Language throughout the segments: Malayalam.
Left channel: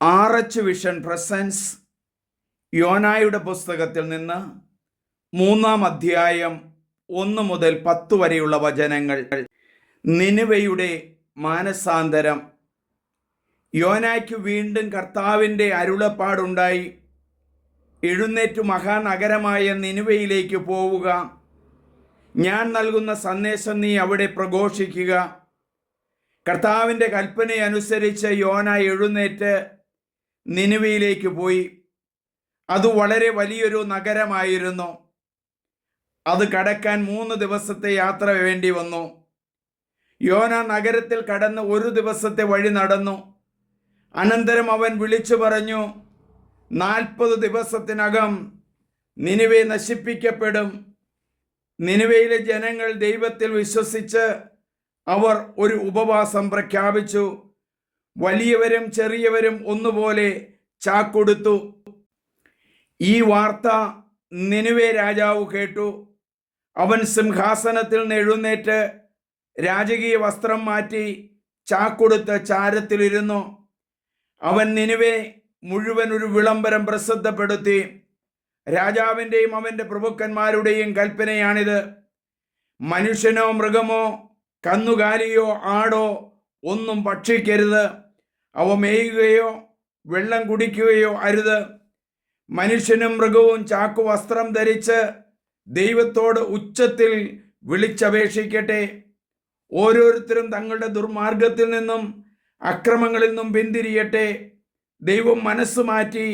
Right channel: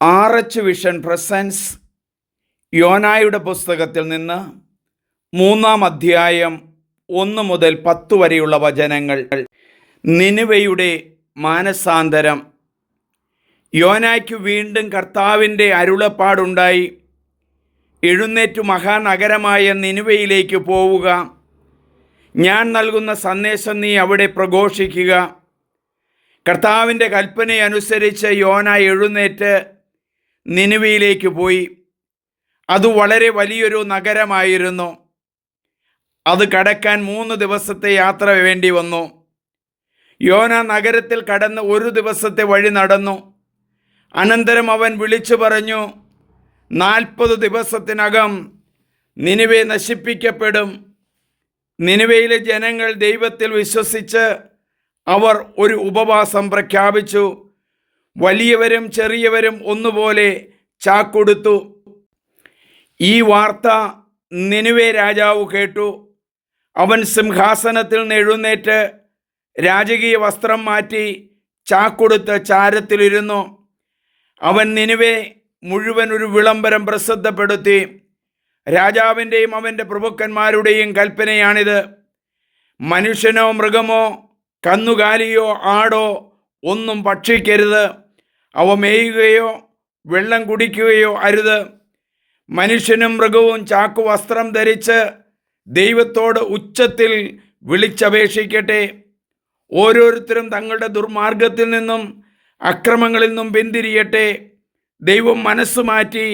ആർ.എച്ച്. വിഷൻ പ്രസൻസ് യോനായുടെ പുസ്തകത്തിൽ നിന്ന് 3-ാം അധ്യായം 1 മുതൽ 10 വരെയുള്ള വചനങ്ങൾ. നിനിവയുടെ മാനസാന്തരം. യോനായ്ക്ക് വീണ്ടും കർത്താവിൻ്റെ അരുളപ്പാടുണ്ടായി. എഴുന്നേറ്റു മഹാനഗരമായ നിനിവയിലേക്ക് പോവുക. ഞാൻ നൽകുന്ന സന്ദേശം നീ അവിടെ പ്രഘോഷിക്കുക. കർത്താവിൻ്റെ കൽപ്പനയനുസരിച്ച് യോന എഴുന്നേറ്റ് നിനിവയിലേക്ക് പോയി. അത് വളരെ വലിയൊരു നഗരമായിരുന്നു. അത് കടക്കാൻ 3 ദിവസത്തെ യാത്ര വേണ്ടി വന്നു. യോന നഗരത്തിൽ കടന്ന് 1 ദിവസത്തെ വഴി നടന്നു. അനന്തരം അവൻ വിളിച്ചു പറഞ്ഞു, 40 ദിവസത്തിനകം നിനിവെ നശിപ്പിക്കപ്പെടും. നിനിവയിലെ ജനങ്ങൾ ദൈവത്തിൽ വിശ്വസിച്ച് അവർ ഒരു ഉപവാസം പ്രഖ്യാപിച്ചു. വലിയവരും ചെറിയവരും ഒന്നുപോലെ ചാക്കൊടുത്തു. ഈ വാർത്ത നിനിവെ രാജാവ് കേട്ടു. അവൻ സിംഹാസനത്തിൽ നിന്ന് എഴുന്നേറ്റ് രാജകീയ വസ്ത്രം മാറ്റി ചാക്കൊടുത്ത് ചാരത്തിലിരുന്നു. അവൻ നിനിവെ മുഴുവൻ ഒരു വിളംബരം പ്രസിദ്ധപ്പെടുത്തി. രാജാവിൻ്റെയും അവൻ്റെ പ്രഭുക്കന്മാരുടെയും കൽപ്പനയാണിത്: മനുഷ്യനോ മൃഗമോ കന്നുകാലിയോ ആടോ ഒന്നും ഭക്ഷിക്കരുത്. അവ മേയുകയോ വെള്ളം കുടിക്കുകയോ അരുത്. മനുഷ്യനും മൃഗവും ചാക്കുവസ്ത്രം ധരിച്ച് ദൈവത്തോട് ഉച്ചത്തിൽ വിളിച്ചപേക്ഷിക്കട്ടെ. ഓരോരുത്തരും തങ്ങളുടെ ദുർമാർഗത്തിൽ നിന്നും അക്രമങ്ങളിൽ നിന്നും പിന്തിരിയട്ടെ. ദൈവം മനസ്സ് മാറ്റി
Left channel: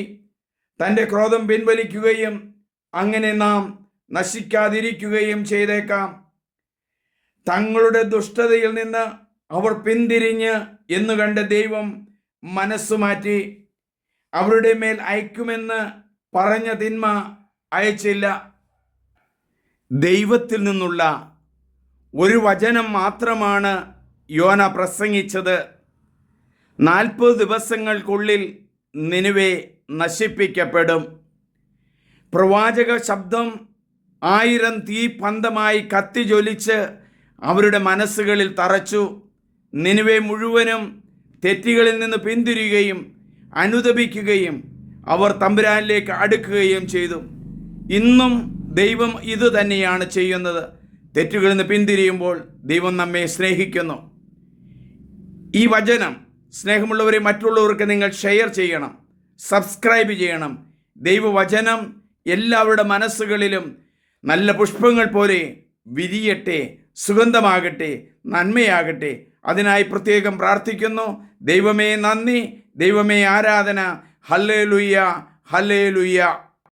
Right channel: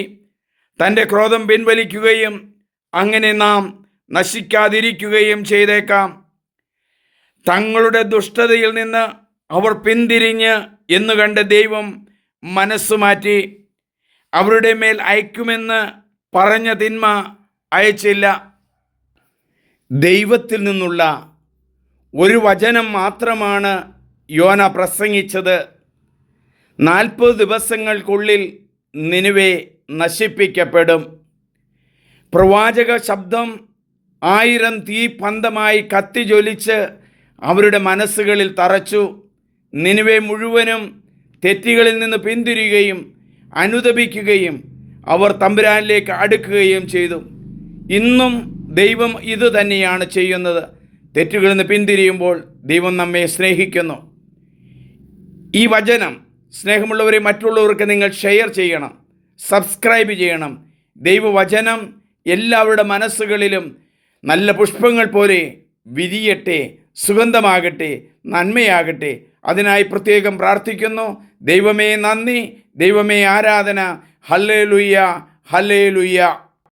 തൻ്റെ ക്രോധം പിൻവലിക്കുകയും അങ്ങനെ നാം നശിക്കാതിരിക്കുകയും ചെയ്തേക്കാം. തങ്ങളുടെ ദുഷ്ടതയിൽ നിന്ന് അവർ പിന്തിരിഞ്ഞ് എന്ന് കണ്ട് ദൈവം മനസ്സു മാറ്റി അവരുടെ മേൽ അയക്കുമെന്ന് പറഞ്ഞ തിന്മ അയച്ചില്ല. ദൈവത്തിൽ നിന്നുള്ള ഒരു വചനം മാത്രമാണ് യോന പ്രസംഗിച്ചത്. 40 ദിവസങ്ങൾക്കുള്ളിൽ നിനിവെ നശിപ്പിക്കപ്പെടും. പ്രവാചക ശബ്ദം 1000 തീപ്പന്തമായി കത്തിജ്വലിച്ച് അവരുടെ മനസ്സുകളിൽ തറച്ചു. നിനിവെ മുഴുവനും തെറ്റുകളിൽ നിന്ന് പിന്തിരിയുകയും അനുതപിക്കുകയും അവർ തമ്പുരാനിലേക്ക് അടുക്കുകയും ചെയ്തു. ഇന്നും ദൈവം ഇത് തന്നെയാണ് ചെയ്യുന്നത്. തെറ്റുകളിൽ നിന്ന് പിന്തിരിയുമ്പോൾ ദൈവം നമ്മെ സ്നേഹിക്കുന്നു. ഈ വചനം സ്നേഹമുള്ളവരെ മറ്റുള്ളവർക്ക് നിങ്ങൾ ഷെയർ ചെയ്യണം, സബ്സ്ക്രൈബ് ചെയ്യണം. ദൈവവചനം എല്ലാവരുടെ മനസ്സുകളിലും നല്ല പുഷ്പങ്ങൾ പോലെ വിരിയട്ടെ, സുഗന്ധമാകട്ടെ, നന്മയാകട്ടെ. അതിനായി പ്രത്യേകം പ്രാർത്ഥിക്കുന്നു. ദൈവമേ നന്ദി, ദൈവമേ ആരാധന. Hallelujah, hallelujah.